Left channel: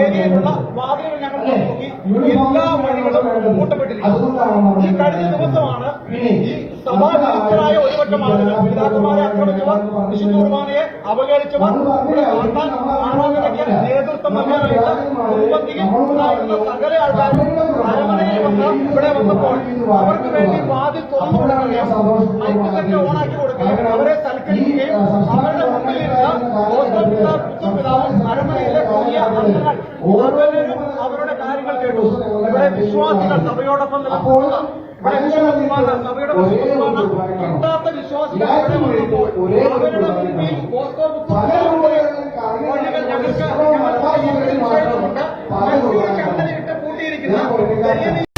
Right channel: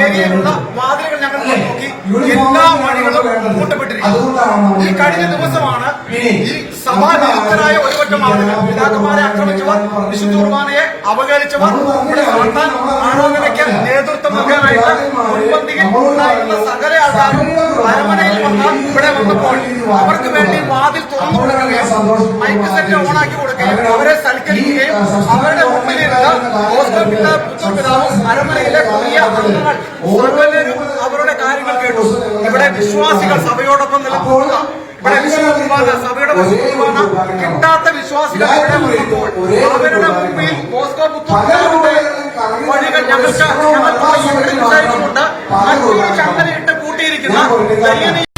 ഏരിയയിലുള്ള വാതിലുകൾ ഞങ്ങൾ നോക്കി. എല്ലാ മണികളും കൂട്ടപ്പെട്ടിരിക്കുന്നു ഈ കഴിഞ്ഞ ദിവസമാണ് ഈ സഭാവിരുദ്ധരായ ഒരുപറ്റം ആളുകൾ പിതാക്കന്മാരെ ആക്രമിച്ചവർ വിശുദ്ധുർമാനയെ അവഹേളിച്ചവർ ആരാധനയ്ക്ക് നേതൃത്വം നൽകാനായിട്ട് മുൻപന്തിയിൽ ഉണ്ടായിരുന്ന സകല ആൾക്കാരും അരമനയിൽ വന്ന് ഇവിടെ വന്നപ്പോൾ അവർക്ക് വേണ്ടി വാതിൽ തുറന്നു കൊടുക്കുകയും മൈക്ക് സെറ്റ് ഓണാക്കി കൊടുക്കുകയും അവരെ സൽക്കരിക്കുകയും അവരുടെ മുമ്പിലിരുന്ന് ഓസ്കർ പിതാവ് പുതിയ അംഗങ്ങൾ അവരുടെ കാര്യങ്ങൾ കേട്ടു. ഇവിടെ വിശ്വാസികൾ സഭയോടൊപ്പം നിലകൊള്ളുക. ഇവിടെ കുർബാന സഭയുടെ കിട്ടാത്ത വിശ്വാസികൾ ഇവിടെ വന്നപ്പോൾ അവരുടെ മുമ്പിൽ പുത്തൂർ പിതാവിന്റെ വഴികൾ ഞങ്ങൾക്ക് സംഘടിപ്പിച്ചുകൊണ്ട് മറ്റൊരു ചങ്ങലയിട്ട് കൂട്ടിയിരിക്കുന്ന